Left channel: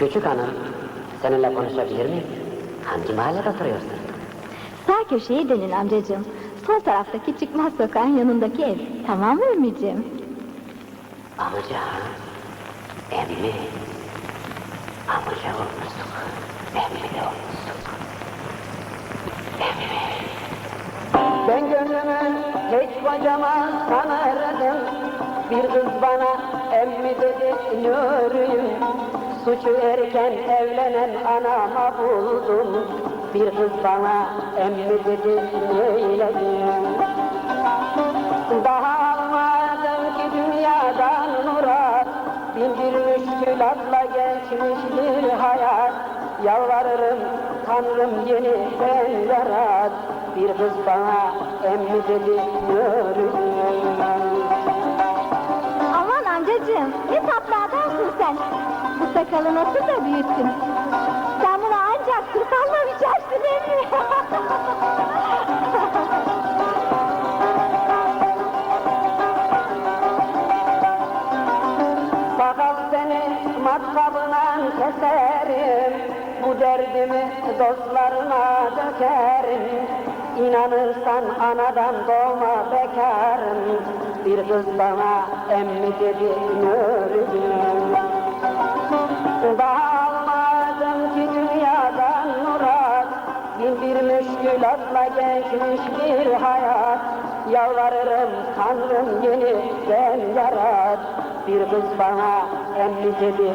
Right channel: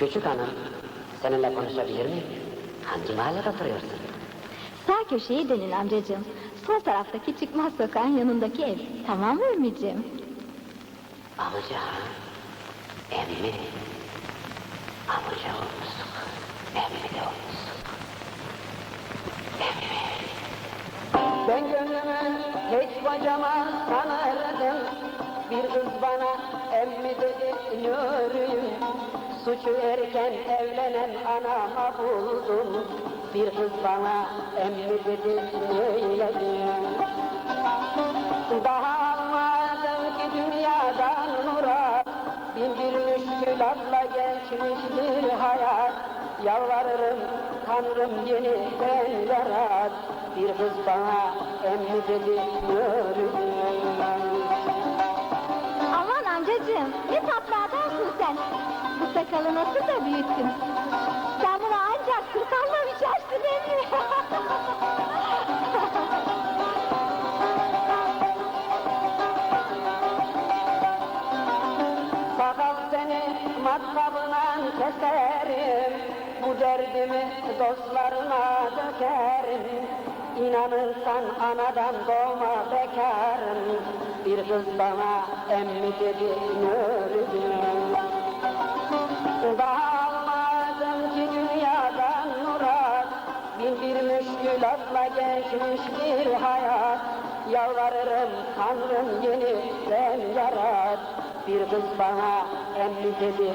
Küçük hanım, seninle konuşabilir miyim? Hangi mahallede oturuyorsun? Sağ köşeye dönün amcacığım. Sol taraftaki çıkmaz sokağın yanındaki ev. Tamam mı Emmiciğim? Amca? Emmi. Amca olmuşsun. Emmi de olmuşsun. Ben gönlümün hiç kocaman sanırdım Bir kız bana emmi dedi nürüyüm Suçu erken evlenen anama buldum. Bir kız bana emmi dedi neyleyim Daha almadım ki dünyadan murat. Bin bir müşkül atla geçmiş bir hayat. Yalvarırım Tanrım yeniden yarat. Bir kız bana emmi dedi yürüyüm sen. Bu sakalı nasıl da büyüttün. Sen bunu ancak kırkalla biçersin emmi. Sakal seni matkabına keserim Bu derdimi dostlarına dökerim İnanırsan anadan doğma bekarım Bir kız bana emmi dedi nürüyüm Almadım ki dünyadan murat Bin bir müşkülatla geçmiş bir hayat Yalvarırım Tanrım yeniden yarat Bir kız bana emmi dedi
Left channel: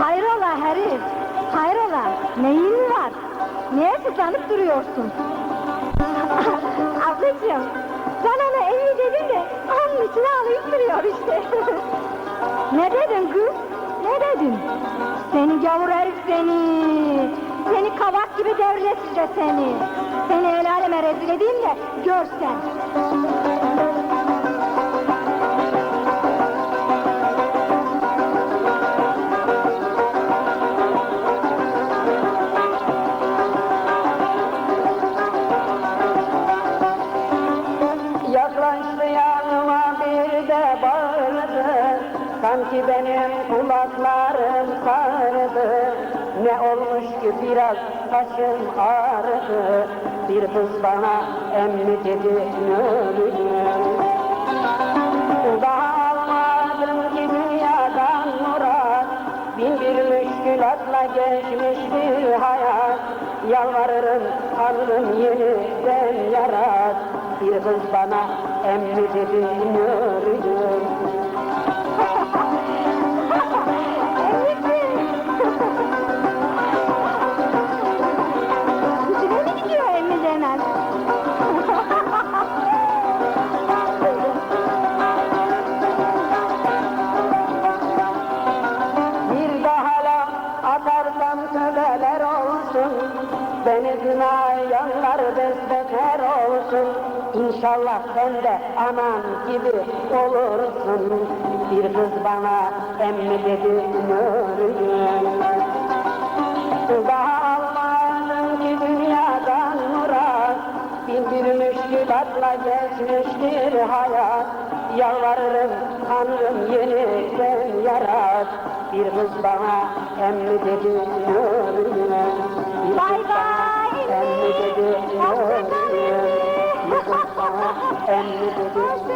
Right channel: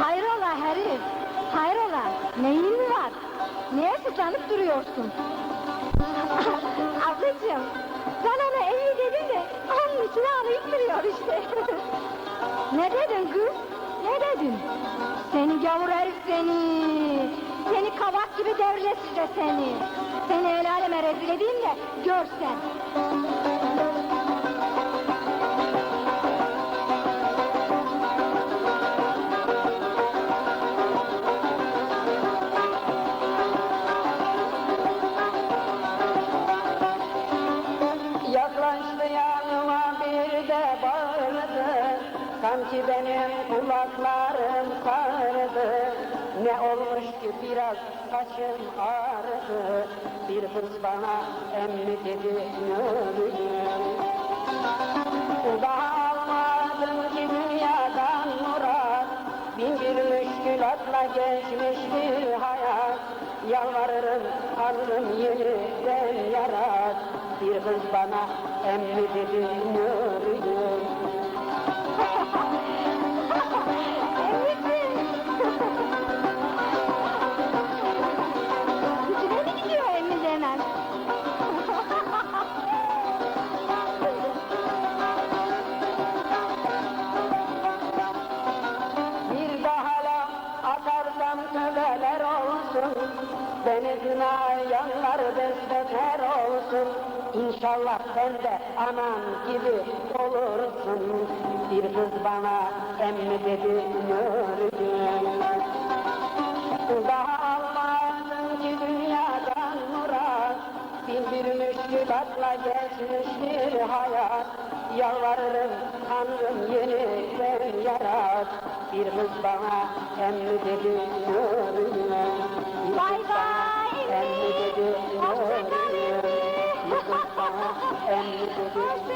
Hayrola herif. Hayrola. Neyin var? Neye sıçanıp duruyorsun? Ablacığım. Sen ona emmi dedin de onun içine alayım duruyor işte. Ne dedin kız? Ne dedin? Seni gavur herif seni. Seni kabak gibi devlesiz seni. Seni el aleme rezil edeyim de görsen. Sanki benim kulaklarım sardı Ne olmuş ki biraz saçım ağrıdı. Bir kız bana emmi dedi nürüyüm Daha almadım ki dünyadan murat Bin bir müşkülatla geçmiş bir hayat. Yalvarırım Tanrım yeniden yarat Bir kız bana emmi dedi nürüyüm Emmiciğim. Daha laf atarsam tövbeler olsun İnşallah sen de aman gibi olursun. Bir kız bana emmi dedi nürüyüm Daha almadım ki dünyadan murat Bin bir müşkülatla geçmiş bir hayat. Yalvarırım Tanrım yeniden yarat. Bir kız bana emmi dedi nürüyüm Bay bay. Emmi dedi Hoşça он не будет.